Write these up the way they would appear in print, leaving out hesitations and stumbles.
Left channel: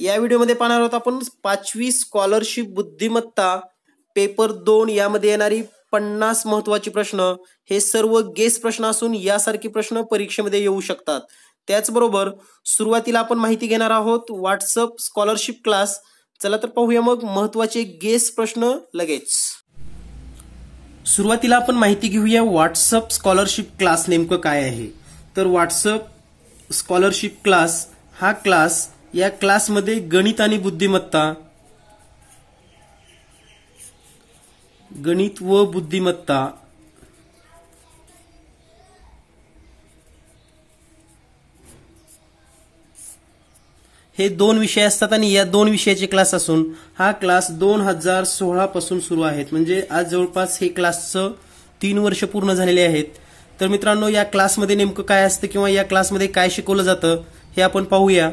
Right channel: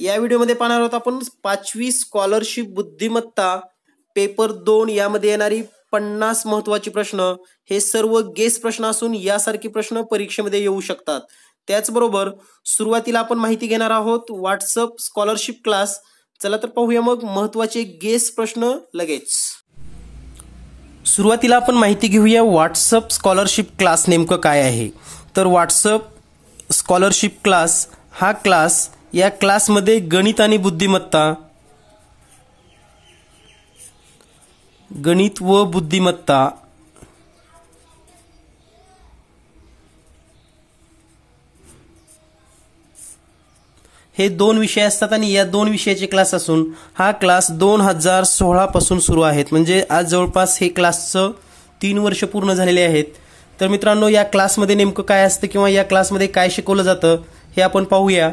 या व्हिडिओमध्ये पाहणार आहोत आपण 5वी स्कॉलरशिप बुद्धिमत्ता पेपर 2 यामध्ये येणारी 50 महत्त्वाचे प्रश्न। हे सर्व गेस प्रश्न असून यासारखे प्रश्न परीक्षेमध्ये येऊ शकतात। त्याचबरोबर सुरुवातीला आपण माहिती घेणार आहोत व्हॉट्सअप स्कॉलरशिप क्लास। चला तर पाहूया मग महत्त्वाचे गेस प्रश्न लगेच। सुरुवातीला आपण माहिती घेऊया व्हॉट्सअप स्कॉलरशिप क्लास नेमकं काय आहे। तर व्हॉट्सअप स्कॉलरशिप क्लास हा क्लास, या क्लासमध्ये गणित आणि बुद्धिमत्ता, गणित व बुद्धिमत्ता हे दोन विषय असतात आणि या दोन विषयाचे क्लास असून हा क्लास 2016 पासून सुरू आहेत। म्हणजे आज जवळपास हे क्लासचं 3 वर्ष पूर्ण झालेले आहेत। तर मित्रांनो, या क्लासमध्ये नेमकं काय असतं किंवा या क्लासमध्ये काय शिकवलं जातं हे आपण पाहूया।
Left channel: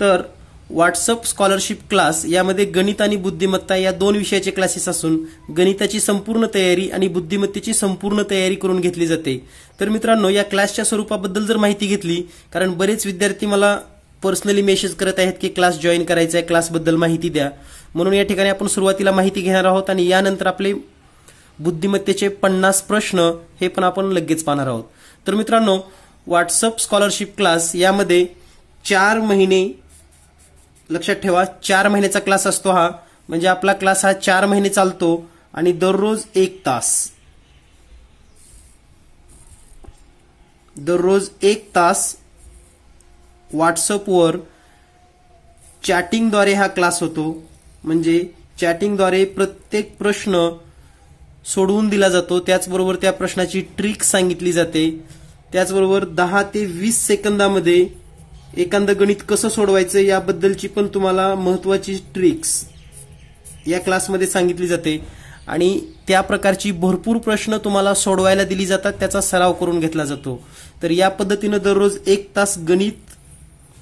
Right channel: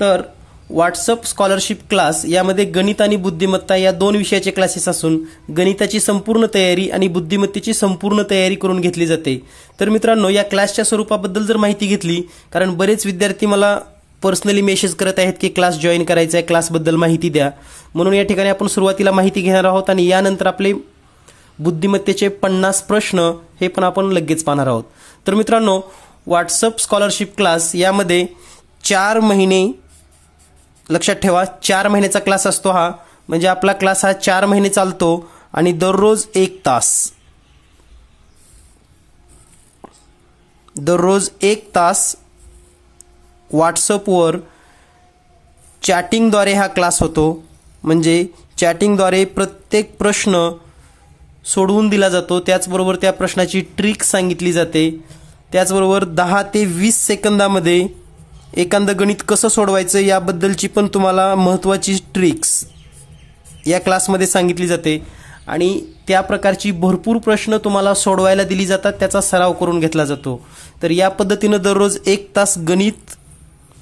तर व्हॉट्सअप स्कॉलरशिप क्लास यामध्ये गणित आणि बुद्धिमत्ता या दोन विषयाचे क्लासेस असून गणिताची संपूर्ण तयारी आणि बुद्धिमत्तेची संपूर्ण तयारी करून घेतली जाते। तर मित्रांनो, या क्लासच्या स्वरूपाबद्दल जर माहिती घेतली, कारण बरेच विद्यार्थी मला पर्सनली मेसेज करत आहेत की क्लास जॉईन करायचा आहे, क्लासबद्दल माहिती द्या। म्हणून या ठिकाणी आपण सुरुवातीला माहिती घेणार आहोत आणि यानंतर आपले बुद्धिमत्तेचे 50 प्रश्न हे पण आपण लगेच पाहणार आहोत। तर मित्रांनो, व्हॉट्सअप स्कॉलरशिप क्लास यामध्ये 4 महिने, लक्षात ठेवा 4 महिन्याचा क्लास असतो हा। म्हणजे आपला क्लास हा 4 महिने चालतो आणि दररोज 1 तास, दररोज 1 तास व्हॉट्सअपवर चॅटिंगद्वारे हा क्लास होतो। म्हणजे चॅटिंगद्वारे प्रत्येक प्रश्न सोडवून दिला जातो, त्याचबरोबर त्या प्रश्नाची ट्रिक सांगितली जाते। त्याचबरोबर 10 ते 20 सेकंदामध्ये एखादं गणित कसं सोडवायचं याबद्दलची पण तुम्हाला महत्त्वाची ट्रिक्स या क्लासमध्ये सांगितली जाते आणि त्या प्रकारची भरपूर प्रश्न तुम्हाला सोडवायला दिली जातात, त्याचा सराव करून घेतला जातो। तर या पद्धतीने दररोज 1 तास गणित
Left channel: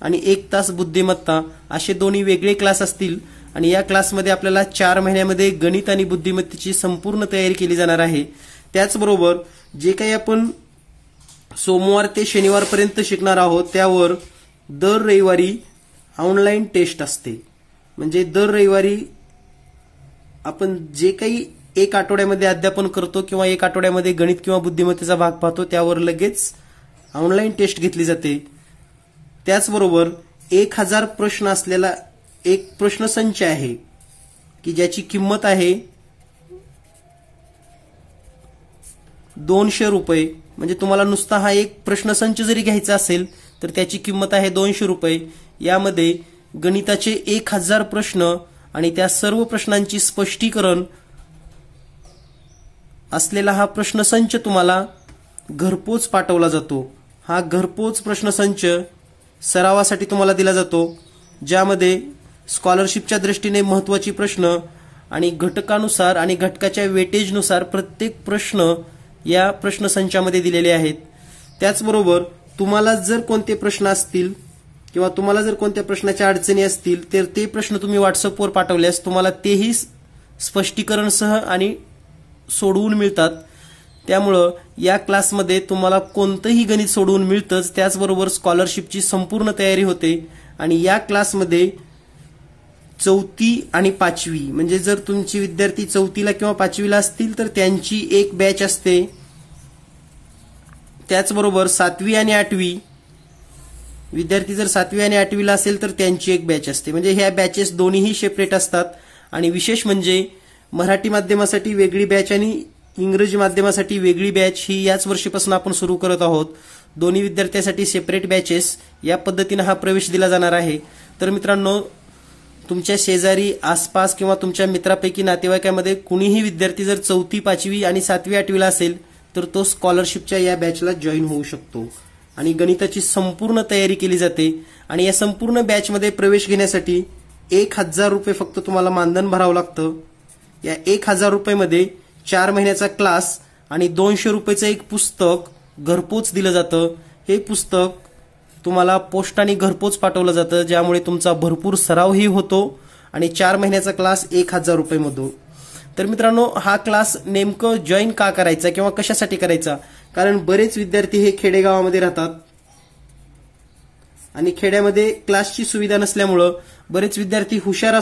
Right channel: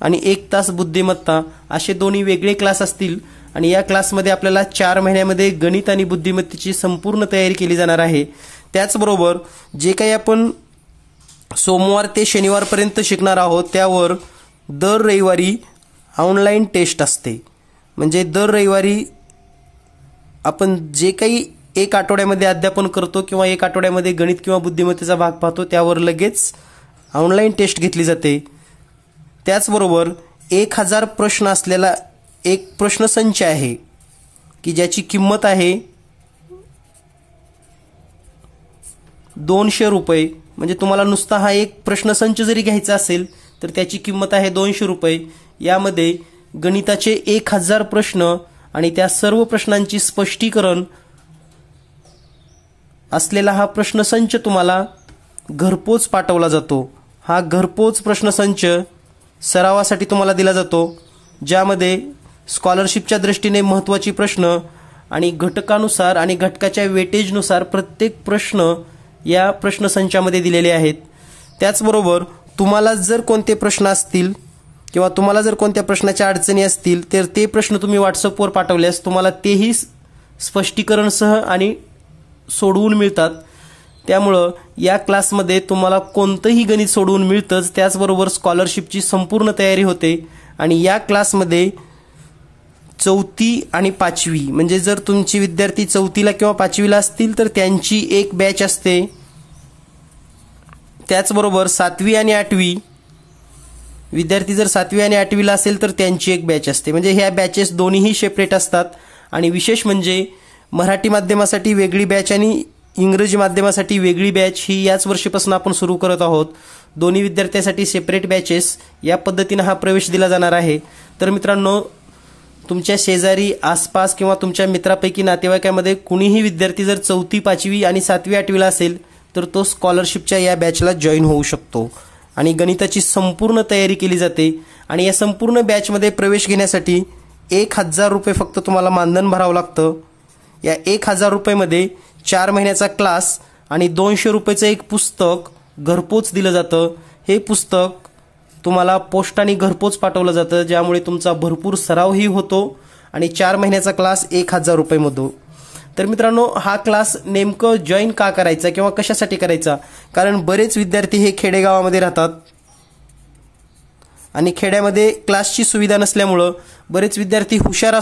आणि 1 तास बुद्धिमत्ता असे दोन्ही वेगळे क्लास असतील आणि या क्लासमध्ये आपल्याला 4 महिन्यामध्ये गणित आणि बुद्धिमत्तेची संपूर्ण तयारी केली जाणार आहे। त्याचबरोबर जे काही आपण सोमवार ते शनिवारपर्यंत शिकणार आहोत त्यावर दर रविवारी ऑनलाईन टेस्ट असते। म्हणजे दर रविवारी आपण जे काही 1 आठवड्यामध्ये अध्यापन करतो किंवा 1 आठवड्यामध्ये गणित किंवा बुद्धिमत्तेचा भाग पाहतो त्यावर लगेच ऑनलाईन टेस्ट घेतली जाते। त्याचबरोबर 1000 प्रश्न असलेला एक प्रश्नसंच आहे की ज्याची किंमत आहे 200 रुपये। म्हणजे तुम्हाला नुसता हा एक प्रश्नसंच जरी घ्यायचा असेल तर त्याची किंमत आहे 200 रुपये। यामध्ये गणिताचे 1000 प्रश्न आणि त्या सर्व प्रश्नांची स्पष्टीकरण असलेला हा प्रश्नसंच तुम्हाला घरपोच पाठवला जातो। हा घरपोच प्रश्नसंच सरावासाठी तुम्हाला दिला जातो, ज्यामध्ये स्कॉलरशिपच्या दृष्टीने महत्त्वाचे प्रश्न आणि घटकानुसार आणि घटकाच्या वेटेजनुसार प्रत्येक प्रश्न या प्रश्नसंचामध्ये दिलेले आहेत। त्याचबरोबर तुम्हाला जर कोणते प्रश्न असतील किंवा तुम्हाला जर कोणत्या प्रश्नाच्या अडचणी असतील तर ते प्रश्न तुम्ही व्हॉट्सअपवर पाठवल्यास तुम्हाला तेही स्पष्टीकरणसह आणि सोडवून मिळतात। त्यामुळं या क्लासमध्ये तुम्हाला कोणतंही गणित सोडवून मिळतंच, त्याचबरोबर स्कॉलरशिपची संपूर्ण तयारी होते। आणि या क्लासमध्ये 4थी आणि 5वी, म्हणजे जर तुमची विद्यार्थी 4थीला किंवा 5वीला असतील तर त्यांची एक बॅच असते। त्याचबरोबर 7वी आणि 8वी विद्यार्थी जर 7वी आणि 8वीला असेल तर त्यांची एक बॅच असते। म्हणजे ह्या बॅचेस दोन्हीही सेपरेट असतात। आणि विशेष म्हणजे मराठी माध्यमासाठी वेगळी बॅच आणि इंग्रजी माध्यमासाठी वेगळी बॅच ही याच वर्षीपासून आपण सुरू करत आहोत। दोन्ही विद्यार्थ्यांसाठी सेपरेट बॅचेस या पद्धतीने हा प्रवेश दिला जाणार आहे। तर मित्रांनो, तुमच्या शेजारी, आसपास किंवा तुमच्या मित्रापैकी नातेवाईकामध्ये कुणीही विद्यार्थी जर 4थी, 5वी आणि 7वी, 8वीला असेल तर तो स्कॉलरशिपच्या या बॅचला जॉईन होऊ शकतो आणि गणिताची संपूर्ण तयारी केली जाते। आणि या संपूर्ण बॅचमध्ये प्रवेश घेण्यासाठी 1000 रुपये फक्त तुम्हाला मानधन भरावं लागतं। या 1000 रुपयामध्ये 4 महिन्याचा क्लास आणि 200 रुपयाचं एक पुस्तक घरपोच दिलं जातं। हे पुस्तक तुम्हाला पोस्टाने घरपोच पाठवलं जातं, ज्यामुळे तुमचा भरपूर सरावही होतो आणि 4 महिन्याचा क्लास 1000 रुपयामध्ये। तर मित्रांनो, हा क्लास नेमकं जॉईन का करायचा किंवा कशासाठी करायचा? कारण बरेच विद्यार्थी हे खेडेगावामध्ये राहतात आणि खेड्यामध्ये क्लासची सुविधा नसल्यामुळं बरेच विद्यार्थी हुशार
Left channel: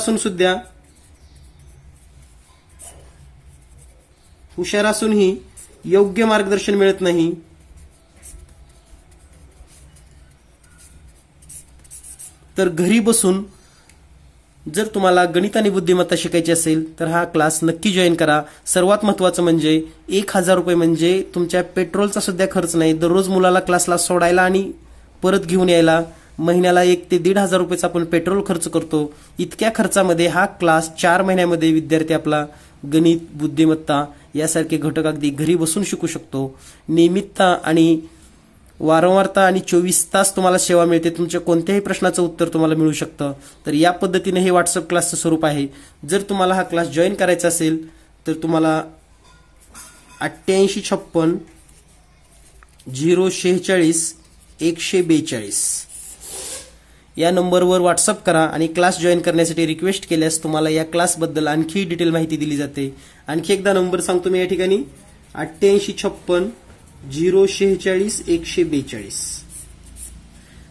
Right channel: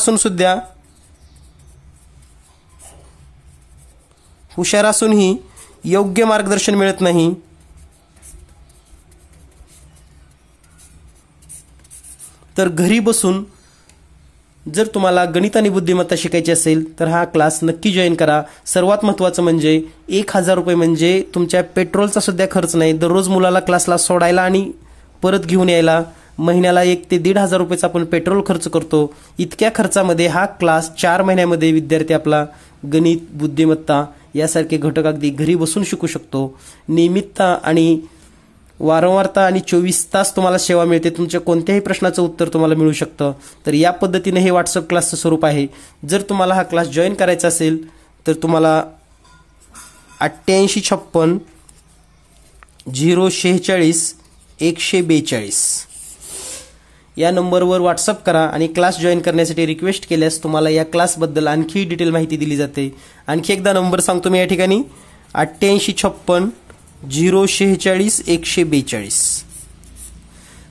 असूनही योग्य मार्गदर्शन मिळत नाही. तर घरी बसून जर तुम्हाला गणित आणि बुद्धिमत्ता शिकायची असेल तर हा क्लास नक्की जॉईन करा. सर्वात महत्त्वाचं म्हणजे 1000 रुपये म्हणजे तुमच्या पेट्रोलचा सुद्धा खर्च नाही. दररोज मुलाला क्लासला सोडायला आणि परत घेऊन यायला महिन्याला 1 ते 1,500 रुपयाचा आपण पेट्रोल खर्च करतो. इतक्या खर्चामध्ये हा क्लास 4 महिन्यामध्ये विद्यार्थी आपला गणित, बुद्धिमत्ता यासारखे घटक अगदी घरी बसून शिकू शकतो. नियमितता आणि वारंवारता आणि 24 तास तुम्हाला सेवा मिळते. तुमच्या कोणत्याही प्रश्नाचं उत्तर तुम्हाला मिळू शकतं. तर या पद्धतीने हे व्हॉट्सअप क्लासचं स्वरूप आहे. जर तुम्हाला हा क्लास जॉईन करायचा असेल तर तुम्हाला 8856 046 142 या नंबरवर व्हॉट्सअप करा आणि क्लास जॉईन करण्यासाठी रिक्वेस्ट केल्यास तुम्हाला या क्लासबद्दल आणखी डिटेल माहिती दिली जाते. आणखी एकदा नंबर सांगतो मी या ठिकाणी 8856 046 142.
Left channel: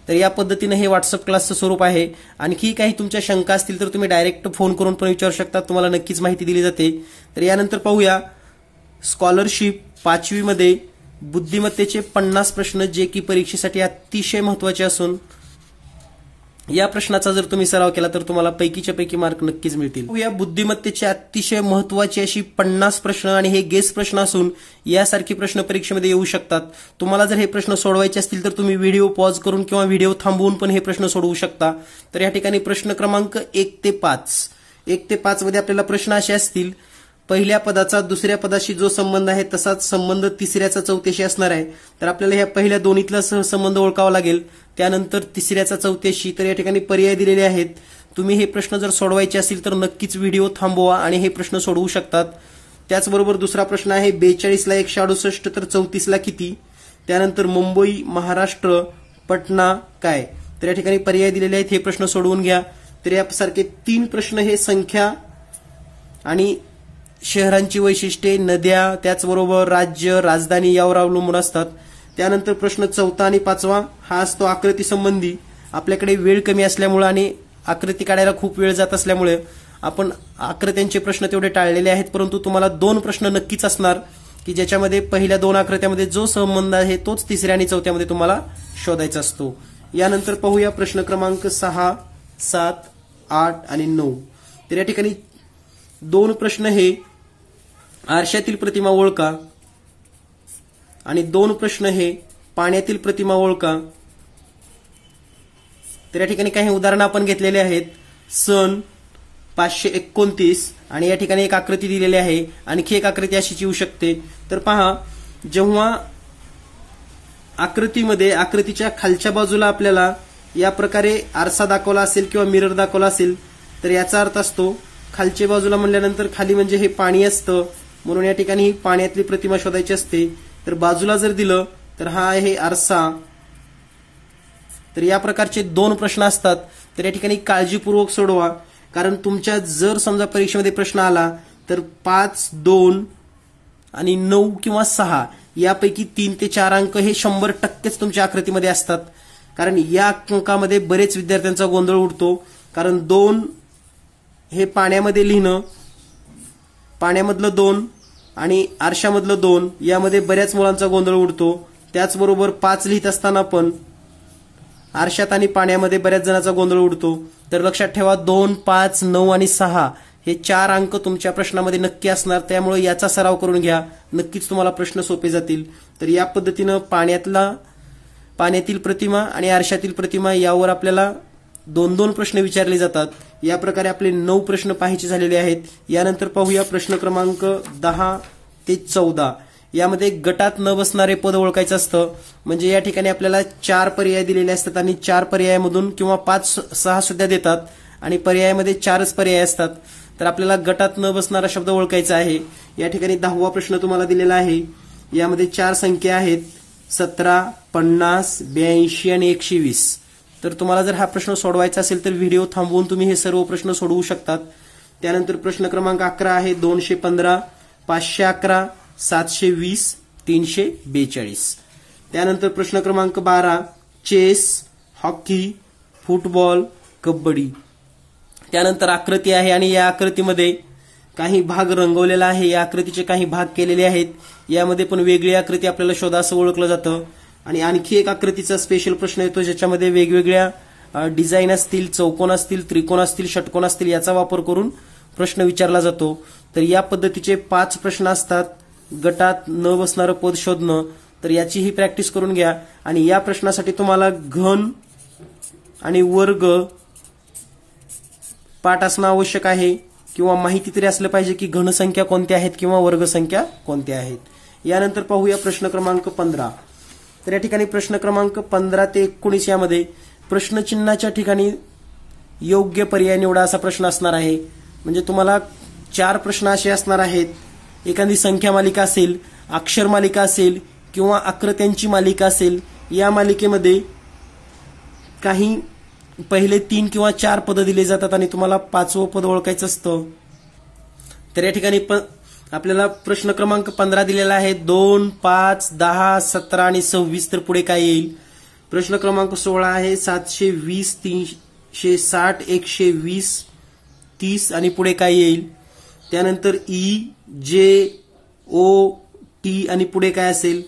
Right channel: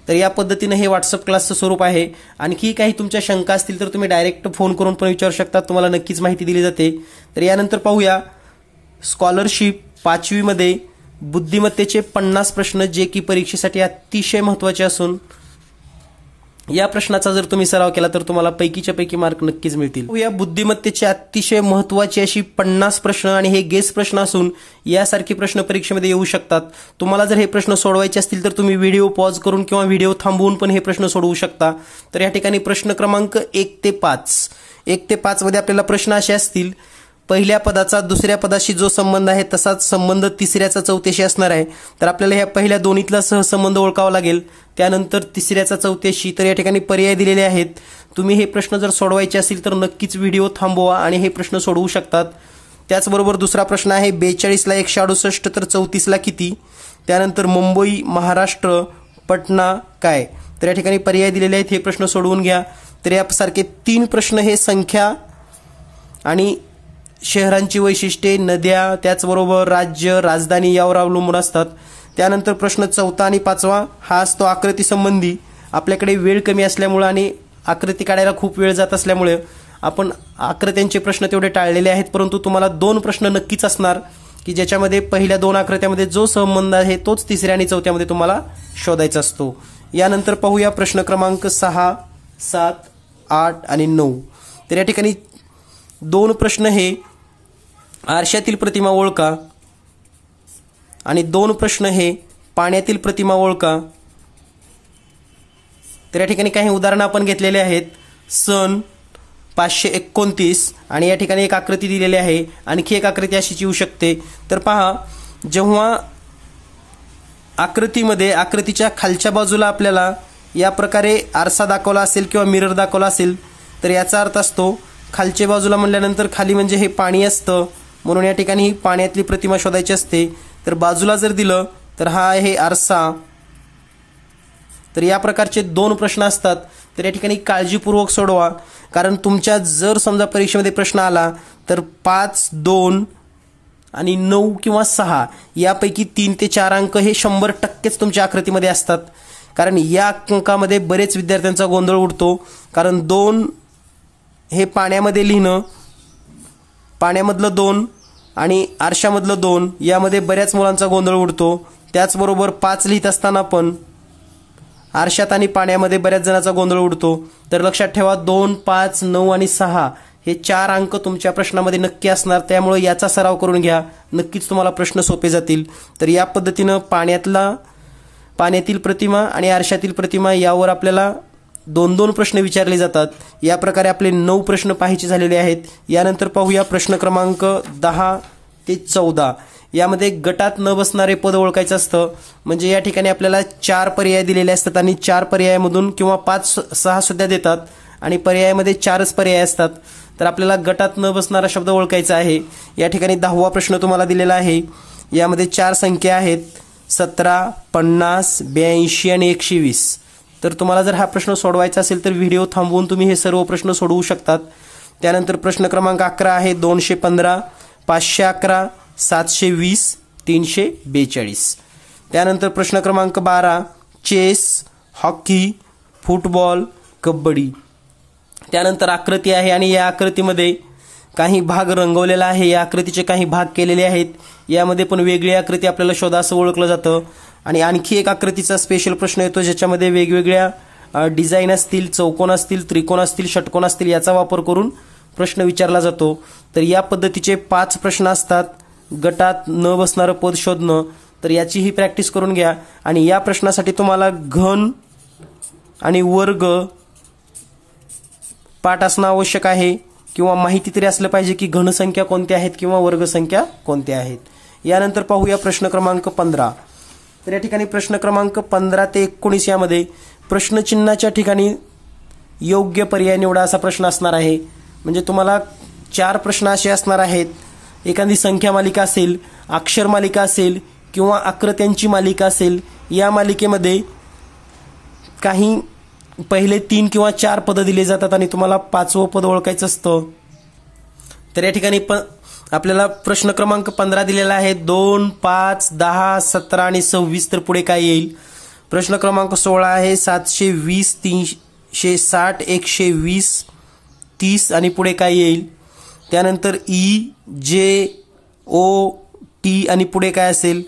तर या पद्धतीने हे व्हॉट्सअप क्लासचं स्वरूप आहे. आणखी काही तुमच्या शंका असतील तर तुम्ही डायरेक्ट फोन करून पण विचारू शकता. तुम्हाला नक्कीच माहिती दिली जाते. तर यानंतर पाहूया स्कॉलरशिप 5वी मध्ये बुद्धिमत्तेचे 50 प्रश्न जे की परीक्षेसाठी अतिशय महत्त्वाचे असून या प्रश्नाचा जर तुम्ही सराव केला तर तुम्हाला पैकीच्या पैकी मार्क नक्कीच मिळतील. या बुद्धिमत्तेचे अतिशय महत्त्वाची अशी 50 प्रश्न आणि हे गेस प्रश्न असून यासारखे प्रश्न परीक्षेमध्ये येऊ शकतात. तुम्हाला जर हे प्रश्न सोडवायचे असतील तर तुम्ही व्हिडिओ पॉज करून किंवा व्हिडिओ थांबवून पण हे प्रश्न सोडवू शकता. तर या ठिकाणी प्रश्न क्रमांक 1 ते 5 मध्ये आपल्याला प्रश्न असे असतील. पहिल्या पदाचा दुसऱ्या पदाशी जो संबंध आहे तसाच संबंध तिसऱ्याचा चौथ्याशी असणार आहे. तर आपल्याला ह्या पहिल्या दोन्हीतला सहसंबंध ओळखावा लागेल. त्यानंतर तिसऱ्याचा चौथ्याशी. तर या ठिकाणी पर्याय दिलेले आहेत. तुम्ही हे प्रश्न जर सोडवायचे असतील तर नक्कीच व्हिडिओ थांबवा आणि हे प्रश्न सोडवू शकतात. त्याचबरोबर दुसरा प्रश्न आहे 42 ला 168 तर 34 ला किती. त्यानंतर मुंबई, महाराष्ट्र, पटना काय. तर या ठिकाणी पर्याय दिलेले आहेत. हे प्रश्न सोडवून घ्या. तर यासारखे 3 प्रश्न हे संख्या आणि शहरांची वैशिष्ट्ये, नद्या, त्याचबरोबर राज्य, राजधानी यावर अवलंबून असतात. त्यानंतर प्रश्न 4 आणि 5 हा असतो आकृती संबंधी. आपल्याकडे वेळ कमी असल्यामुळे आणि आकृती काढायला खूप वेळ जात असल्यामुळे आपण आकृत्यांचे प्रश्न तेवढे टाळलेले आहेत. परंतु तुम्हाला 2 प्रश्न नक्कीच असणार की ज्याच्यामध्ये पहिल्या 2 आकृत्यामध्ये जो संबंध आहे तोच तिसऱ्या आणि चौथ्यामध्ये तुम्हाला शोधायचा असतो. यानंतर पाहूया प्रश्न क्रमांक 6, 7, 8 आणि 9. तर या ठिकाणी 2 प्रश्न हे आरशातील प्रतिमा ओळखा आणि 2 प्रश्न हे पाण्यातील प्रतिमा ओळखा. तर या ठिकाणी काही उदाहरणं आपण घेतलेले आहेत. सन 529 आणि या ठिकाणी एक आकृती दिलेली आहे. आणखी एक आकृती अशीच येऊ शकते. तर पहा, जेव्हा आकृतीच्या खालच्या बाजूला आपल्याला या प्रकारे आरसा दाखवला असेल किंवा मिरर दाखवला असेल तर याचा अर्थ असतो खालच्या बाजूला म्हणल्यानंतर खाली म्हणजे हे पाणी असतं. म्हणून या ठिकाणी ही पाण्यातली प्रतिमा शोधायची असते. तर बाजूला जर दिलं तर हा आहे आरसा. तर या प्रकारचे 2 प्रश्न असतात. तर या ठिकाणी काळजीपूर्वक सोडवा. कारण तुमच्या जर समजा परीक्षेमध्ये प्रश्न आला तर 5, 2 आणि 9 किंवा 6 यापैकी 3 ते 4 अंक हे 100% तुमच्या आकृतीमध्ये असतात. कारण या अंकामध्ये बरेच विद्यार्थ्यांचा गोंधळ उडतो. कारण 2 हे पाण्यामध्ये लिहिणं, पाण्यामधलं 2 आणि आरशामधलं 2 यामध्ये बऱ्याच मुलांचा गोंधळ उडतो. त्याचबरोबर 5 लिहित असताना पण आरशात आणि पाण्यामध्ये बऱ्याच जणांचा गोंधळ उडतो. तर लक्षात ठेवा 2, 5, 9 आणि 6 हे 4 अंक तुमच्या प्रश्नामध्ये नक्की असणार. त्यामुळे याचा सराव करून घ्या. नक्कीच तुम्हाला प्रश्न सोपे जातील. तर या पद्धतीनं पाण्यातील प्रतिमा आणि आरशातील प्रतिमा यावर आपल्याला 2-2 प्रश्न विचारले जातात. या प्रकारे आपले 9 प्रश्न पाहायचे झालेले आहेत. यानंतर पाहूया प्रश्न क्रमांक 10 ते 14. यामध्ये गटात न बसणारे पद ओळखायचं असतं. म्हणजे या ठिकाणी आपल्याला 4 पर्याय दिलेले असतात आणि 4 पर्यायामधून किंवा 5-6 सुद्धा देतात आणि पर्यायामध्ये 4च पर्याय असतात. तर आपल्याला गटात न बसणारा शब्द ओळखायचा आहे. या ठिकाणी 10वा प्रश्न तुम्हाला दिलेला आहे. यामध्ये 4 संख्या आहेत 17, 50, 82 आणि 120. तर तुम्हाला जर हा प्रश्न सोडवायचा असेल तर व्हिडिओ थांबवून तुम्ही हे सर्व प्रश्न सोडवू शकतात. त्यानंतर प्रश्न क्रमांक 11 आहे 215, 511, 720, 342. त्यानंतर प्रश्न क्रमांक 12 चेस, हॉकी, फुटबॉल, कबड्डी. त्यानंतर आकृती आहे आणि या आकृतीमध्ये काही भाग रंगवलेला आहे. या आकृतीचे काही भाग केलेले आहेत. यामध्ये पण वेगळी आकृती आपल्याला शोधा असं ओळखलं जातं. आणि आणखी एक आकृतीचा स्पेशल प्रश्न येतो ज्याच्यामध्ये वेगवेगळ्या डिझाईन असतील, चौकोन असतील, त्रिकोण असतील, षटकोन असतील याचा वापर करून प्रश्न विचारला जातो. तर या पद्धतीचे 5 प्रश्न असतात. गटात न बसणारं पद शोधणं, तर याचीही प्रॅक्टिस करून घ्या. आणि या प्रश्नासाठी तुम्हाला घन आणि वर्ग पाठ असणं आवश्यक आहे किंवा माहिती तरी असलं पाहिजे की घनसंख्या कोणत्या आहेत किंवा वर्गसंख्या कोणत्या आहेत. यानंतर पाहूया प्रश्न क्रमांक 15. तर या ठिकाणी प्रश्न क्रमांक 15 ते 19 यामध्ये प्रश्नचिन्हाच्या ठिकाणी योग्य पर्याय निवडा असा प्रश्न असणार आहे. म्हणजे तुम्हाला 4 प्रश्न असे असणार आहेत. एखादी संख्या मालिका असेल, अक्षर मालिका असेल किंवा आकृत्यांची मालिका असेल. या मालिकेमध्ये काही पहिले 3 किंवा 4 पद दिले जातात आणि तुम्हाला 5वं पद ओळखायचं असतं. तर या ठिकाणी आपल्याला प्रश्न क्रमांक 15 दिलेला आहे. 2, 5, 10, 17 आणि 26. तर पुढे काय येईल? प्रश्न क्रमांक 16 आहे 720, 360, 120, 30 आणि पुढे काय येईल? त्यानंतर ई, जे, ओ, टी आणि पुढे काय असेल?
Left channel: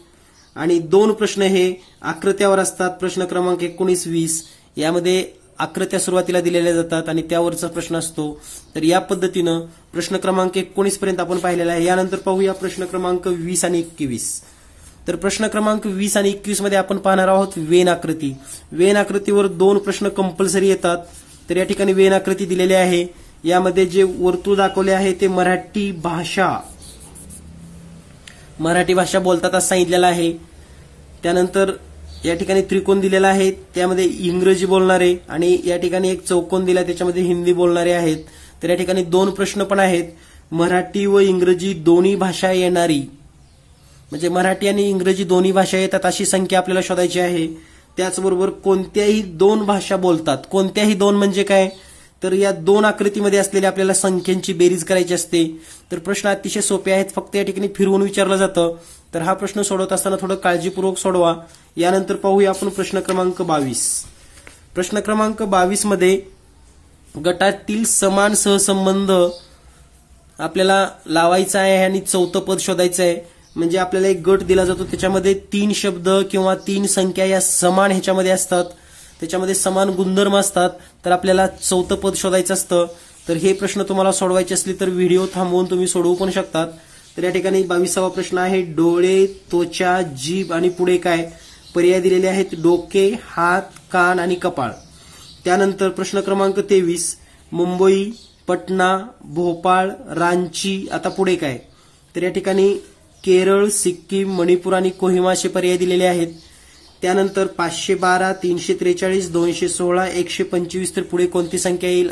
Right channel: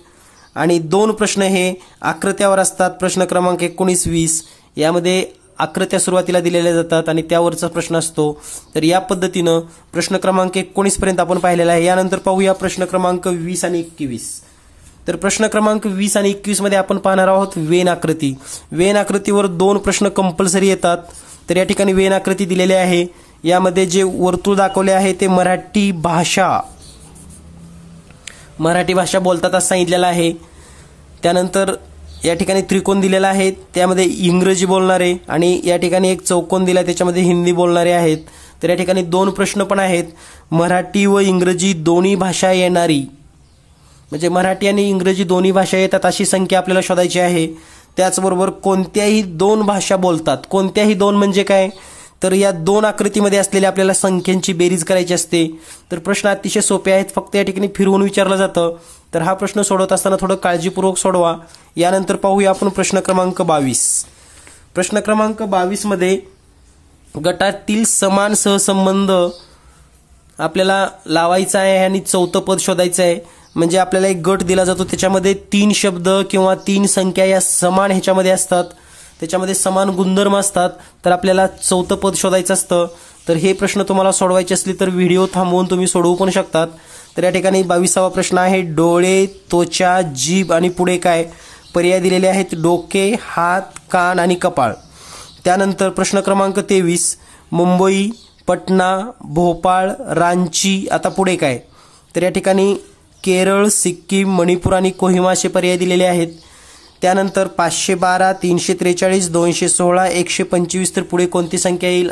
आणि 2 प्रश्न हे आकृत्यावर असतात. प्रश्न क्रमांक 19, 20 यामध्ये आकृत्या सुरुवातीला दिलेल्या जातात आणि त्यावरचा प्रश्न असतो. तर या पद्धतीनं प्रश्न क्रमांक 19 पर्यंत आपण पाहिलेला आहे. यानंतर पाहूया प्रश्न क्रमांक 20 आणि 21. तर प्रश्न क्रमांक 20 आणि 21 मध्ये आपण पाहणार आहोत वेन आकृती. वेन आकृतीवर 2 प्रश्न कंपल्सरी येतात. तर या ठिकाणी वेन आकृती दिलेली आहे. यामध्ये जे वर्तुळ दाखवले आहे ते मराठी भाषा बोलतात असं सांगितलेलं आहे. त्यानंतर या ठिकाणी त्रिकोण दिलेला आहे, त्यामध्ये इंग्रजी बोलणारे आणि या ठिकाणी एक चौकोन दिला त्याच्यामध्ये हिंदी बोलणारे आहेत. तर या ठिकाणी 2 प्रश्न पण आहेत. मराठी व इंग्रजी दोन्ही भाषा येणारी, म्हणजे मराठी आणि इंग्रजी दोन्ही भाषा येतात अशी संख्या आपल्याला शोधायची आहे. त्याचबरोबर कोणत्याही 2 भाषा बोलतात. कोणत्याही 2 म्हणजे काय? तर या 2 आकृतीमध्ये असलेल्या आपल्याला संख्यांची बेरीज करायची असते. तर प्रश्न अतिशय सोपे आहेत, फक्त या ठिकाणी फिरवून विचारलं जातं. तर हा प्रश्न सोडवत असताना थोडं काळजीपूर्वक सोडवा. यानंतर पाहूया आपण प्रश्न क्रमांक 22. प्रश्न क्रमांक 22 मध्ये गटातील समान सहसंबंध आपल्याला लावायचा आहे आणि 4थं पद शोधायचं आहे. म्हणजे आपल्याला एक गट दिला जातो, त्याच्यामध्ये 3 शब्द किंवा 3 संख्या या समान ह्याच्यामध्ये असतात, त्याच्यामध्ये समान गुणधर्म असतात. तर आपल्याला 4थं पद शोधायचं असतं. तर हे प्रश्न तुम्हाला सोडवायचे असले तर व्हिडिओ थांबवून तुम्ही सोडवू पण शकतात. तर या ठिकाणी 22वा प्रश्न आहे डोळे, त्वचा, जीभ आणि पुढे काय? पर्याय दिलेले आहेत डोके, हात, कान आणि कपाळ. त्यानंतर प्रश्न क्रमांक 23 मुंबई, पटना, भोपाळ, रांची. आता पुढे काय? तर या ठिकाणी केरळ, सिक्कीम, मणिपूर आणि कोहिमा असे पर्याय दिलेले आहेत. त्यानंतर 512, 343, 216, 125. तर पुढे कोणती संख्या येईल?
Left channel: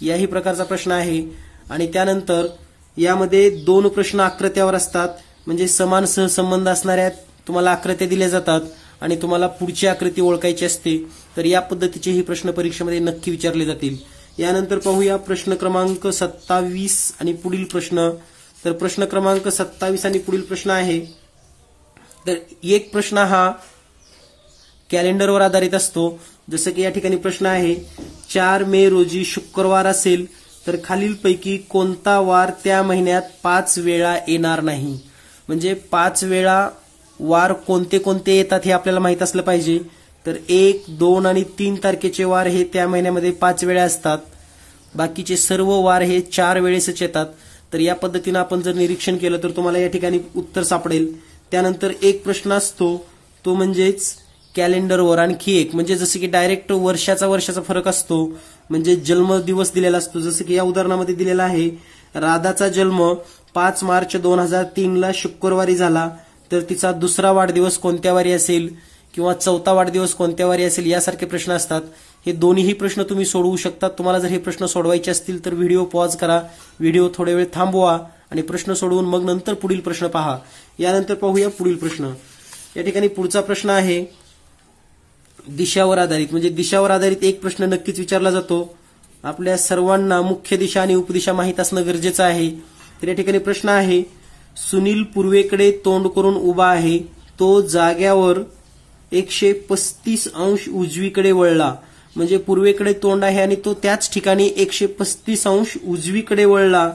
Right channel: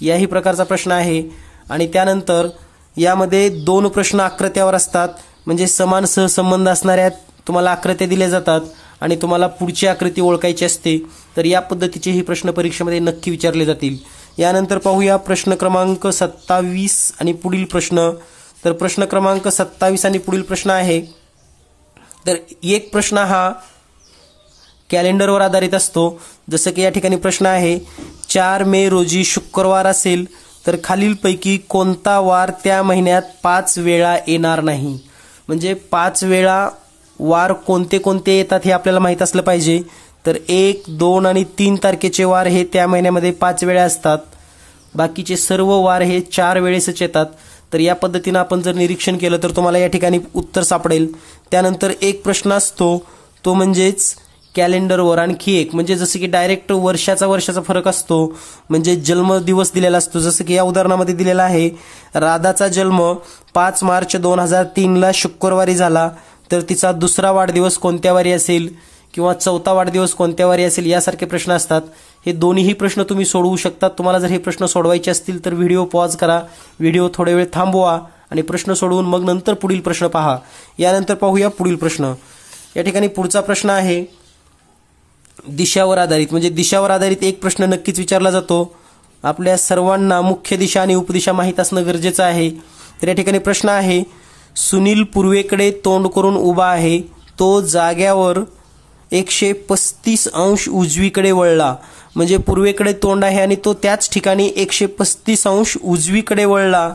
याही प्रकारचा प्रश्न आहे. आणि त्यानंतर यामध्ये 2 प्रश्न आकृत्यावर असतात, म्हणजे समान सहसंबंध असणाऱ्या तुम्हाला आकृत्या दिल्या जातात आणि तुम्हाला पुढची आकृती ओळखायची असते. तर या पद्धतीचे ही प्रश्न परीक्षेमध्ये नक्की विचारले जातील. यानंतर पाहूया प्रश्न क्रमांक 27 आणि पुढील प्रश्न. तर प्रश्न क्रमांक 27 आणि पुढील प्रश्न आहे. तर एक प्रश्न हा कॅलेंडरवर आधारित असतो. जसं की या ठिकाणी प्रश्न आहे 4 मे रोजी शुक्रवार असेल तर खालीलपैकी कोणता वार त्या महिन्यात 5 वेळा येणार नाही? म्हणजे 5 वेळा वार कोणते कोणते येतात हे आपल्याला माहित असलं पाहिजे. तर 1, 2 आणि 3 तारखेचे वार हे त्या महिन्यामध्ये 5 वेळा असतात. बाकीचे सर्व वार हे 4 वेळेसच येतात. तर या पद्धतीनं आपण जर निरीक्षण केलं तर तुम्हाला या ठिकाणी उत्तर सापडेल. त्यानंतर एक प्रश्न असतो तो म्हणजेच कॅलेंडरवर आणखी एक, म्हणजे जसं की डायरेक्ट वर्षाचा फरक असतो, म्हणजे जन्मदिवस दिलेला असतो. जसं की या उदाहरणामध्ये दिलेला आहे राधाचा जन्म 5 मार्च 2003 शुक्रवारी झाला, तर तिचा 2रा वाढदिवस कोणत्या वारी असेल किंवा 4था वाढदिवस कोणत्या वारी असेल, यासारखे प्रश्न असतात. हे दोन्हीही प्रश्न तुम्ही सोडवू शकतात. तुम्हाला जर हे प्रश्न सोडवायचे असतील तर व्हिडिओ पॉज करा, व्हिडिओ थोडा वेळ थांबवा आणि प्रश्न सोडवून मग नंतर पुढील प्रश्न पहा. यानंतर पाहूया पुढील प्रश्न. या ठिकाणी पुढचा प्रश्न आहे दिशावर आधारित, म्हणजे दिशावर आधारित एक प्रश्न नक्कीच विचारला जातो. आपल्या सर्वांना मुख्य दिशा आणि उपदिशा माहीत असणं गरजेचं आहे. तर या ठिकाणी प्रश्न आहे सुनील पूर्वेकडे तोंड करून उभा आहे, तो जाग्यावर 135 अंश उजवीकडे वळला, म्हणजे पूर्वेकडे तोंड आहे आणि तो त्याच ठिकाणी 135 अंश उजवीकडे वळला.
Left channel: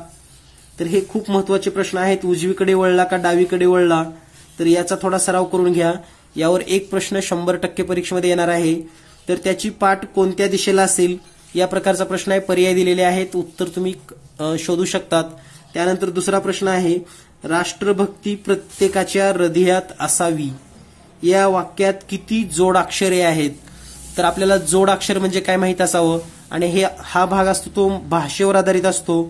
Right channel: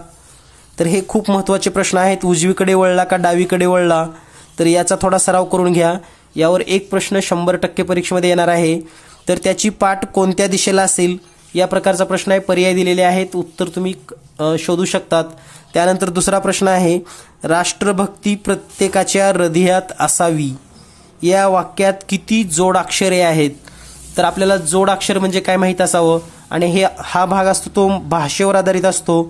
तर हे खूप महत्त्वाचे प्रश्न आहेत. उजवीकडे वळला का डावीकडे वळला, तर याचा थोडा सराव करून घ्या. यावर एक प्रश्न 100% परीक्षेमध्ये येणार आहे. तर त्याची पाठ कोणत्या दिशेला असेल या प्रकारचा प्रश्न आहे. पर्याय दिलेले आहेत, उत्तर तुम्ही शोधू शकतात. त्यानंतर दुसरा प्रश्न आहे, राष्ट्रभक्ती प्रत्येकाच्या हृदयात असावी या वाक्यात किती जोडाक्षरे आहेत. तर आपल्याला जोडाक्षर म्हणजे काय माहित असावं. आणि हा भाग असतो तो भाषेवर आधारित असतो.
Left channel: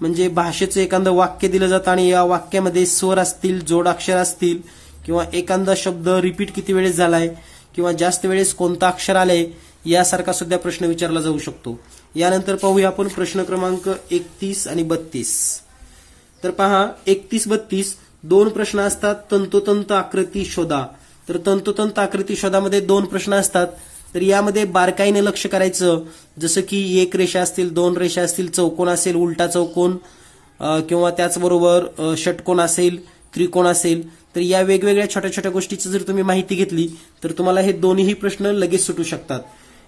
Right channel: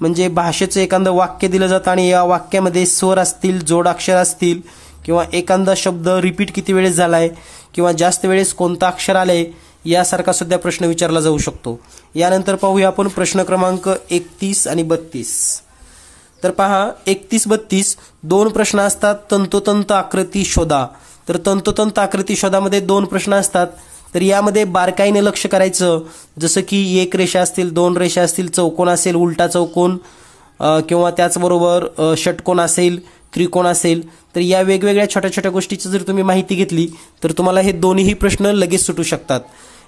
म्हणजे भाषेचं एखादं वाक्य दिलं जातं आणि या वाक्यामध्ये स्वर असतील, जोडाक्षर असतील, किंवा एखादा शब्द रिपीट किती वेळेस झालाय किंवा जास्त वेळेस कोणतं अक्षर आलंय यासारखा सुद्धा प्रश्न विचारला जाऊ शकतो. यानंतर पाहूया आपण प्रश्न क्रमांक 31 आणि 32. तर पहा 31-32 दोन प्रश्न असतात. तंतोतंत आकृती शोधा. तर तंतोतंत आकृती शोधामध्ये दोन प्रश्न असतात. तर यामध्ये बारकाईने लक्ष करायचं. जसं की एक रेषा असतील, दोन रेषा असतील, चौकोन असेल, उलटा चौकोन किंवा त्याचबरोबर षटकोन असेल, त्रिकोण असेल. तर या वेगवेगळ्या छोट्या छोट्या गोष्टीची जर तुम्ही माहिती घेतली तर तुम्हाला हे दोन्ही प्रश्न लगेच सुटू शकतात.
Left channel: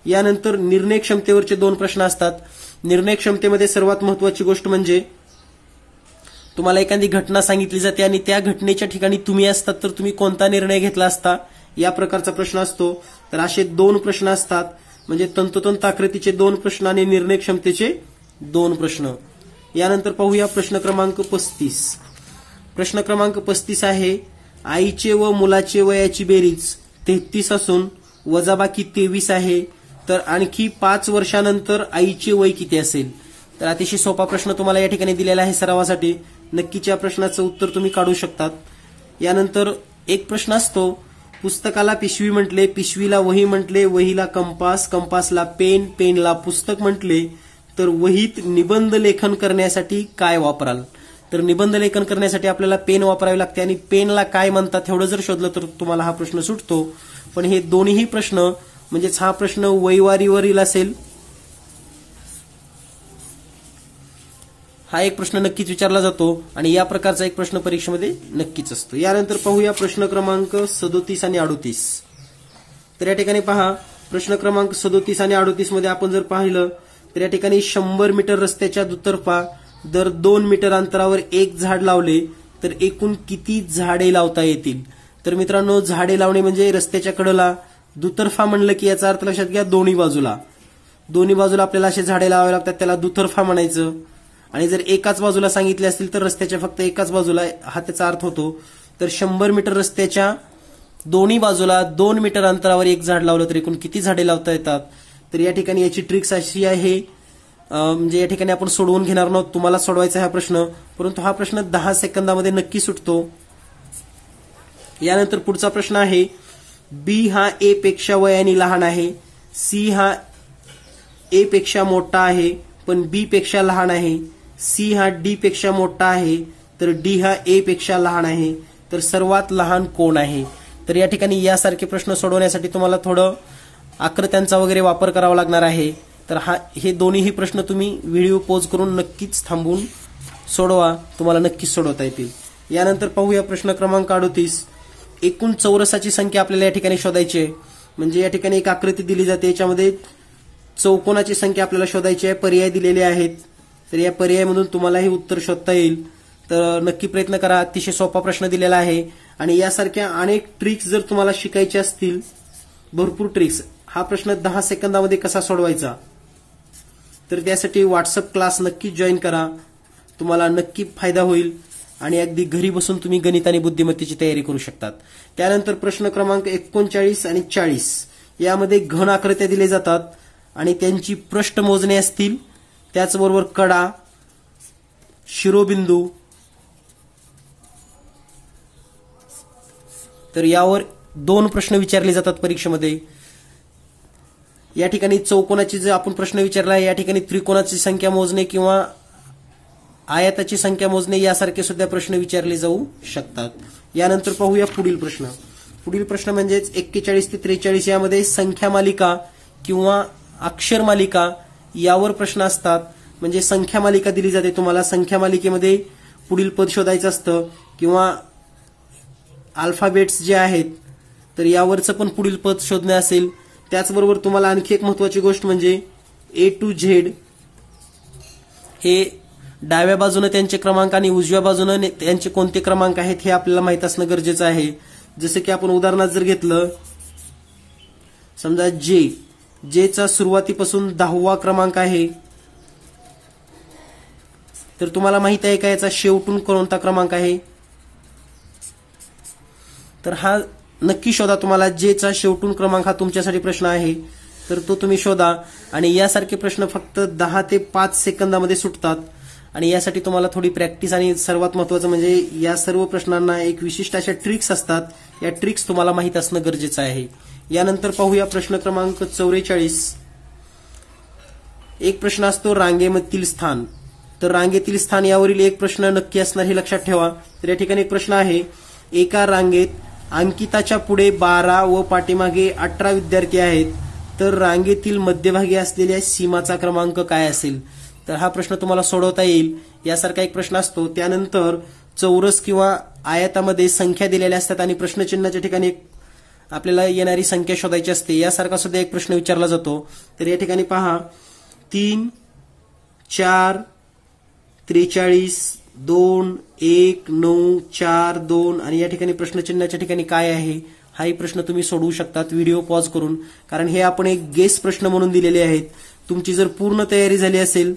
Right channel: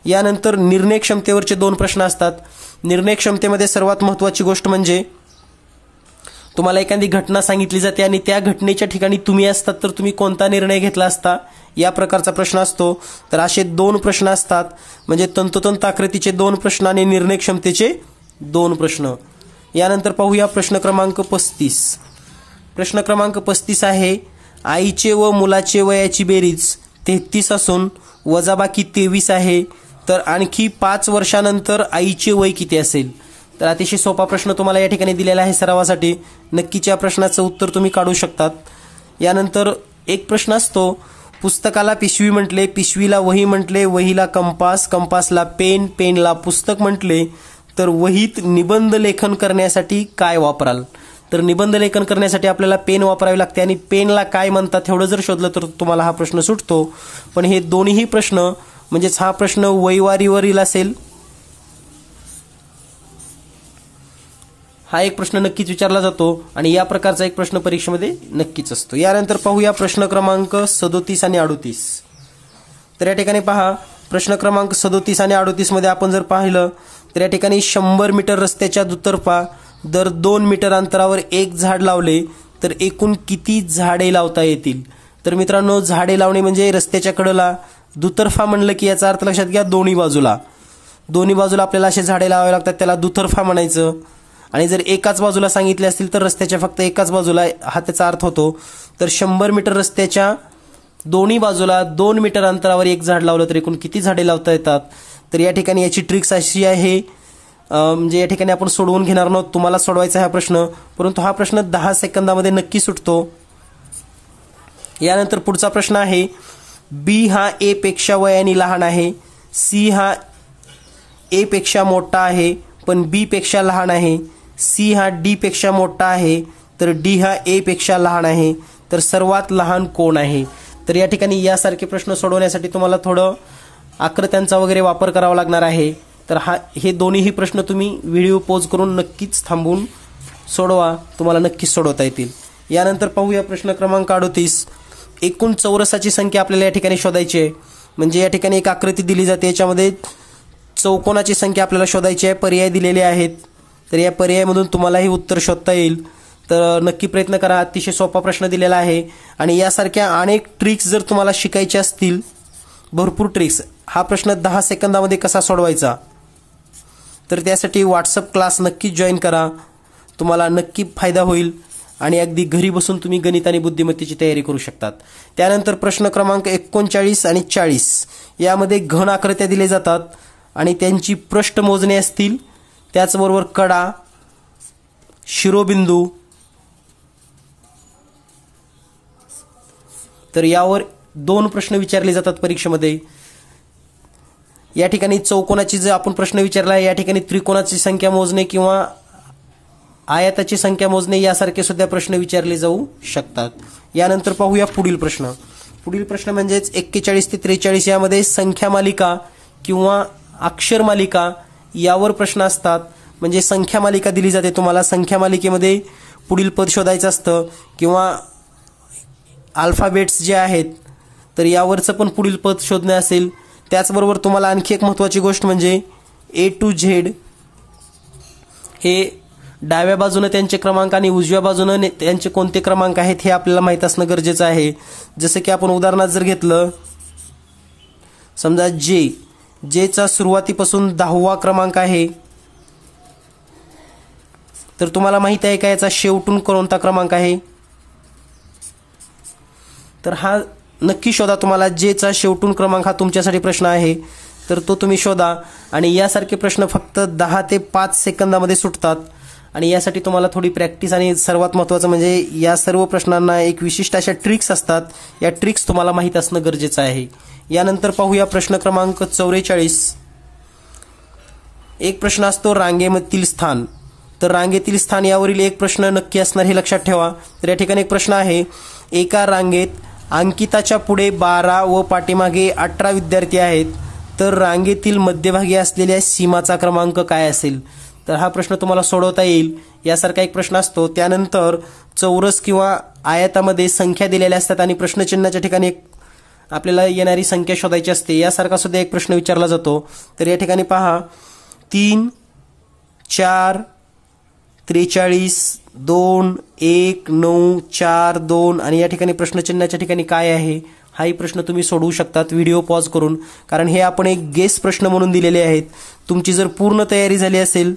यानंतर निर्णय क्षमतेवरचे दोन प्रश्न असतात. निर्णय क्षमतेमध्ये सर्वात महत्त्वाची गोष्ट म्हणजे तुम्हाला एखादी घटना सांगितली जाते आणि त्या घटनेच्या ठिकाणी तुम्ही असतात तर तुम्ही कोणता निर्णय घेतला असता या प्रकारचा प्रश्न असतो. तर असे दोन प्रश्न असतात. म्हणजे तंतोतंत आकृतीचे दोन प्रश्न आणि निर्णय क्षमतेचे दोन प्रश्न. यानंतर पाहूया प्रश्न क्रमांक 35. प्रश्न क्रमांक 35 आहे, आईचे व मुलाचे वयाची बेरीज 33 असून वजाबाकी 23 आहे. तर आणखी 5 वर्षानंतर आईचे वय किती असेल. तर अतिशय सोपा प्रश्न तुम्हाला या ठिकाणी दिलेला आहे सरावासाठी. नक्कीच या प्रश्नाचं उत्तर तुम्ही काढू शकतात. यानंतर एक प्रश्न असतो, पुस्तकाला पिशवी म्हटले, पिशवीला वही म्हटले, वहीला कंपास, कंपासला पेन, पेनला पुस्तक म्हटले, तर वहीत निबंध लेखन करण्यासाठी काय वापराल. तर निबंध लेखन करण्यासाठी आपल्याला पेन वापरावे लागते आणि पेनला काय म्हणतात एवढं जर शोधलं तर तुम्हाला हा प्रश्न सुटतो. पण हे दोन्ही प्रश्न म्हणजेच हा प्रश्न वहीवारीवरील असेल. हा एक प्रश्न नक्कीच विचारला जातो आणि या प्रकारचा एक प्रश्न परीक्षेमध्ये नक्कीच असतो. यानंतर पाहूया प्रश्न क्रमांक 37 आणि 38. तर या ठिकाणी पहा प्रश्न क्रमांक 37 आणि 38 मध्ये आपण जर पाहिलं तर या ठिकाणी 100 मीटर रस्त्याच्या दुतर्फा दर 2 मीटर अंतरावर एक झाड लावले तर एकूण किती झाडे लावता येतील. तर मित्रांनो, झाडे लावणे म्हणजे रस्त्याच्या कडेला, दुतर्फा म्हणलं की याचा अर्थ लक्षात घ्या दोन्ही बाजूला आपल्याला असे झाडे लावावे लागतात, त्याला दुतर्फा म्हणायचं. आणि जर एकाच बाजूला सांगितले असतील तर रस्त्याच्या फक्त एकाच बाजूला हा त्याचा अर्थ होतो. तर 100 मीटर रस्त्याच्या दोन्ही बाजूला 2 मीटर अंतरावर एक झाड लावलं तर एकूण किती झाडे लावता येतात. तर या ठिकाणी याची ट्रिक्स अशी आहे, म्हणजे या ठिकाणी आपण सोडवून घेणार नव्हतो, तुम्हाला सोडवायचा हा प्रश्न, परंतु हा प्रश्न 10 सेकंदामध्ये नक्की सुटतो. यानंतर पुढचा प्रश्न आहे, बी हा ए पेक्षा वयाने लहान आहे, सी हा ए पेक्षा मोठा आहे पण बी पेक्षा लहान आहे, सी हा डी पेक्षा मोठा आहे तर डी हा ए पेक्षा लहान आहे, तर सर्वात लहान कोण आहे. तर या ठिकाणी यासारखे प्रश्न सोडवण्यासाठी तुम्हाला थोडं आकृत्यांचा वगैरे वापर करावा लागणार आहे. तर हे दोन्ही प्रश्न तुम्ही व्हिडिओ पॉज करून नक्कीच थांबून सोडवा, तुम्हाला नक्कीच सोडवता येतील. यानंतर पाहूया प्रश्न क्रमांक 38. एकूण चौरसाची संख्या आपल्याला या ठिकाणी शोधायची आहे. म्हणजे या ठिकाणी एक आकृती दिली जाते, याच्यामध्ये चौकोनाची संख्या आपल्याला शोधायची आहे. पर्याय दिलेले आहेत, तर या पर्यायामधून तुम्हालाही उत्तर शोधता येईल. तर नक्की प्रयत्न करा. अतिशय सोपा प्रश्न दिलेला आहे आणि यासारख्या अनेक ट्रिक्स जर तुम्हाला शिकायच्या असतील, भरपूर ट्रिक्स, हा प्रश्न 10 सेकंदामध्ये कसा सोडवायचा, तर त्यासाठी व्हॉट्सअप क्लास नक्की जॉईन करा. तुम्हाला नक्की फायदा होईल आणि अगदी घरी बसून तुम्ही गणित आणि बुद्धिमत्तेची तयारी करू शकतात. त्यानंतर प्रश्न क्रमांक 39 आणि 40 यामध्ये घन आकृत्या दिले जातात आणि त्यांची पृष्ठ मोजणे असतील, त्याचबरोबर कडा, शिरोबिंदू. तर यावर 2 प्रश्न विचारले जातात परीक्षेमध्ये. या ठिकाणी चौकोनाची जर आपण प्रश्न विचारला, या ठिकाणी त्रिकोणाची संख्या मोजणे किंवा आयताची संख्या मोजणे यासारखे सुद्धा प्रश्न विचारले जाऊ शकतात. यानंतर पाहूया पुढील प्रश्न. पुढील प्रश्न म्हणजेच 41 ते 43 यामध्ये संख्या मालिका किंवा अक्षर मालिका यावर प्रश्न असतात. म्हणजे संख्या मालिका दिली जाते तुम्हाला, संख्या मालिकेमध्ये पुढील पद शोधायचं असतं किंवा अल्फाबेट्स जे आहेत तर यावरचं पण पुढील पद शोधणे असेल. त्याचबरोबर तुम्हाला आणखी एक महत्त्वाची गोष्ट म्हणजे A to Z हे डाव्या बाजूने त्यांचे क्रमांक आणि उजव्या बाजूने त्यांचे कोणते क्रमांक आहेत हे आपल्याला माहित असणं गरजेचं आहे. जसं की आपण उदाहरणार्थ जर घेतलं, समजा Jचा सुरुवातीपासून 10वा क्रमांक आहे, तर तुम्हाला माहित आहे का याचा शेवटून कोणता क्रमांक आहे? तर हा नक्की शोधा. तुम्हाला Jचा शेवटून क्रमांक हा तुमच्यासाठी प्रश्न आहे, तर तो तुम्ही शोधा. आणि यासारखे प्रश्न फक्त 10 ते 5 सेकंदामध्ये सुटतात आणि यासाठी तुम्हाला थोडी प्रॅक्टिस आणि सर्वात महत्त्वाचं म्हणजे या सर्व प्रश्नांना एक विशिष्ट अशा ट्रिक्स असतात. या ट्रिक्स तुम्हाला माहित असणं गरजेचं आहे. यानंतर पाहूया प्रश्न क्रमांक 44. एक प्रश्न असतो रांगेमधील स्थान. तर रांगेतील स्थान यावरील एक प्रश्न नक्की असणार हे लक्षात ठेवा. तर या ठिकाणी एक प्रश्न आहे, एका रांगेत अंकिताच्या पुढे 12 व पाठीमागे 18 विद्यार्थी आहेत, तर रांगेतील मध्यभागी असलेल्या सीमाचा क्रमांक काय असेल? तर हा प्रश्न तुम्हाला सोडवता येईल. यासारखा एक प्रश्न असतो. त्यानंतर चौरस किंवा आयतामध्ये संख्या दिलेल्या असतात आणि प्रश्नचिन्हाच्या ठिकाणी आपल्याला येणारी संख्या शोधायची असते. यासारखा सुद्धा एक प्रश्न विचारला जातो. तर या ठिकाणी पहा 3, 4, 43, 2, 1, 9, 4, 2 आणि या ठिकाणी प्रश्नचिन्हाच्या ठिकाणी काय आहे हाही प्रश्न तुम्ही सोडवू शकतात व्हिडिओ पॉज करून, कारण हे आपण एक गेस प्रश्न म्हणून दिलेले आहेत. तुमची जर पूर्ण तयारी झाली असेल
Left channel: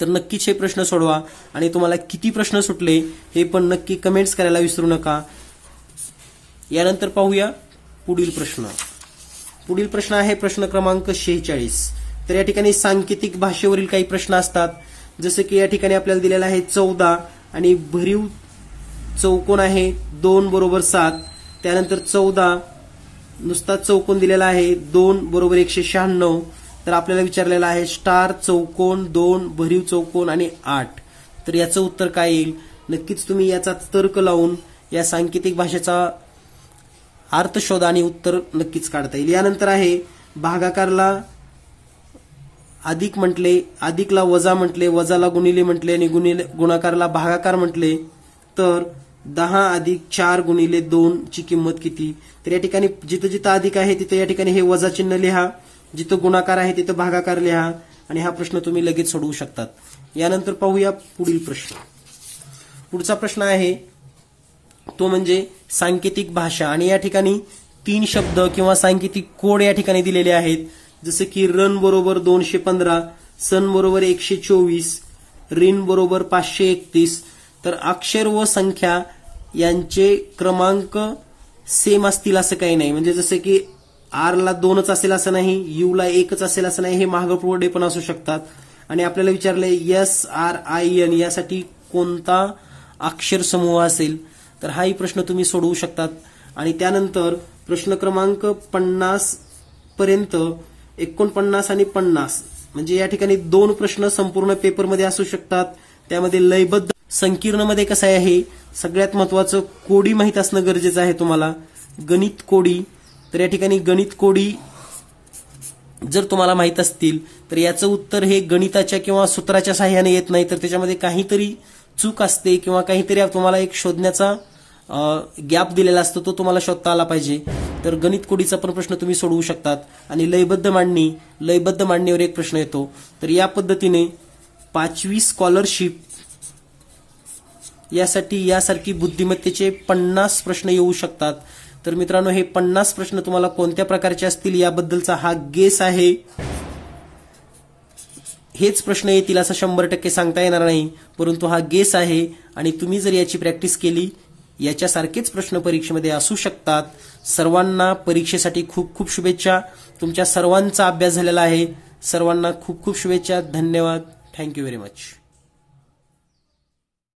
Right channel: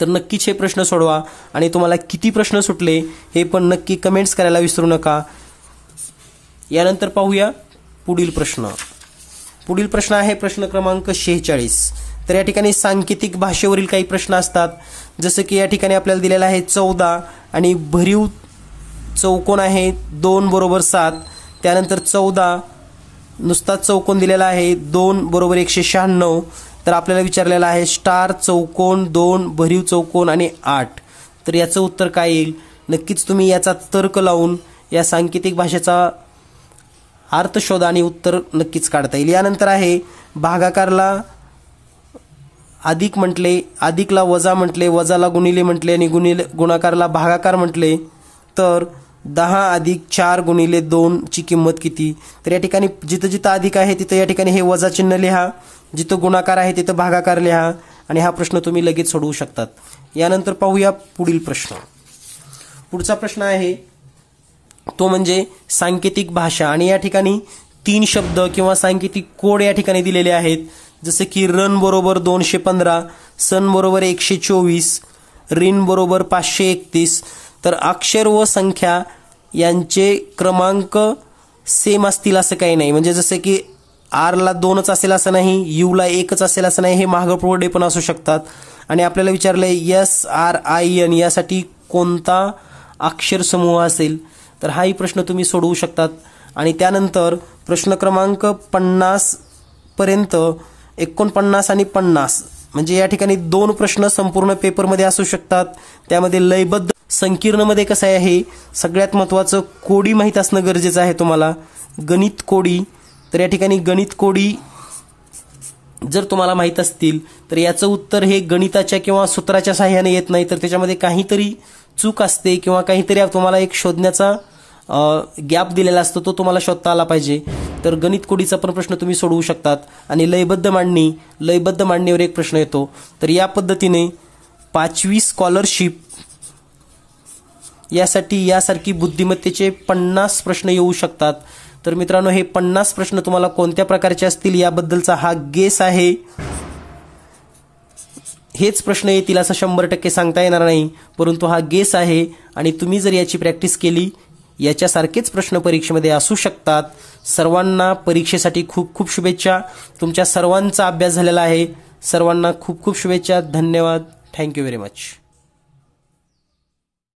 तर नक्कीच हे प्रश्न सोडवा आणि तुम्हाला किती प्रश्न सुटले हे पण नक्की कमेंट्स करायला विसरू नका. यानंतर पाहूया पुढील प्रश्न. पुढील प्रश्न आहे प्रश्न क्रमांक 46. तर या ठिकाणी सांकेतिक भाषेवरील काही प्रश्न असतात. जसे की या ठिकाणी आपल्याला दिलेला आहे 14 आणि भरीव चौकोन आहे 2 बरोबर 7. त्यानंतर 14 नुसता चौकोन दिलेला आहे 2 बरोबर 196. तर आपल्याला विचारलेला आहे स्टार चौकोन 2 भरीव चौकोन आणि 8. तर याचं उत्तर काय येईल? नक्कीच तुम्ही याचा तर्क लावून या सांकेतिक भाषेचा अर्थ शोधा आणि उत्तर नक्कीच काढता येईल. यानंतर आहे भागाकारला अधिक म्हटले, अधिकला वजा म्हटले, वजाला गुणिले म्हटले आणि गुणाकारला भागाकार म्हटले, तर 10 अधिक 4 गुणिले 2 ची किंमत किती? तर या ठिकाणी जिथं जिथं अधिक आहे तिथं या ठिकाणी हे वजा चिन्ह लिहा, जिथं गुणाकार आहे तिथं भागाकार लिहा आणि हा प्रश्न तुम्ही लगेच सोडवू शकतात. यानंतर पाहूया पुढील प्रश्न. पुढचा प्रश्न आहे तो म्हणजे सांकेतिक भाषा आणि या ठिकाणी 3 शब्द किंवा सांकेतिक कोड या ठिकाणी दिलेले आहेत. जसे की रन बरोबर 215, सन बरोबर 124, रिन बरोबर 531. तर अक्षर व संख्या यांचे क्रमांक सेम असतील असं काही नाही. म्हणजे जसे की आरला 2च असेल असं नाही, यूला 1च असेल असं नाही, हे मागं पुढे पण असू शकतात. आणि आपल्याला विचारलंय SRIN यासाठी कोणता अक्षर समूह असेल? तर हाही प्रश्न तुम्ही सोडवू शकतात. आणि त्यानंतर प्रश्न क्रमांक 50 पर्यंत 49 आणि 50 म्हणजे या ठिकाणी 2 प्रश्न संपूर्ण पेपरमध्ये असू शकतात. त्यामध्ये लयबद्ध संकीर्णमध्ये कसं आहे, सगळ्यात महत्त्वाचं कोडी माहीत असणं गरजेचं आहे तुम्हाला. गणित कोडी, तर या ठिकाणी गणित कोडी जर तुम्हाला माहीत असतील तर याचं उत्तर हे गणिताच्या किंवा सूत्राच्या सहाय्याने येत नाही, तर त्याच्यामध्ये काहीतरी चूक असते किंवा काहीतरी तुम्हाला एक शोधण्याचा गॅप दिलेला असतो, तो तुम्हाला शोधता आला पाहिजे. तर गणित कोडीचा पण प्रश्न तुम्ही सोडवू शकतात. आणि लयबद्ध मांडणीवर एक प्रश्न येतो. तर या पद्धतीने 5वी स्कॉलरशिप यासाठी यासारखी बुद्धिमत्तेचे 50 प्रश्न येऊ शकतात. तर मित्रांनो, हे 50 प्रश्न तुम्हाला कोणत्या प्रकारचे असतील याबद्दलचा हा गेस आहे. हेच प्रश्न येतील असं 100% सांगता येणार नाही, परंतु हा गेस आहे आणि तुम्ही जर याची प्रॅक्टिस केली याच्यासारखेच प्रश्न परीक्षेमध्ये असू शकतात. सर्वांना परीक्षेसाठी खूप खूप शुभेच्छा. तुमच्या सर्वांचा अभ्यास झालेला आहे. सर्वांना खूप खूप शुभेच्छा. धन्यवाद. Thank you very much.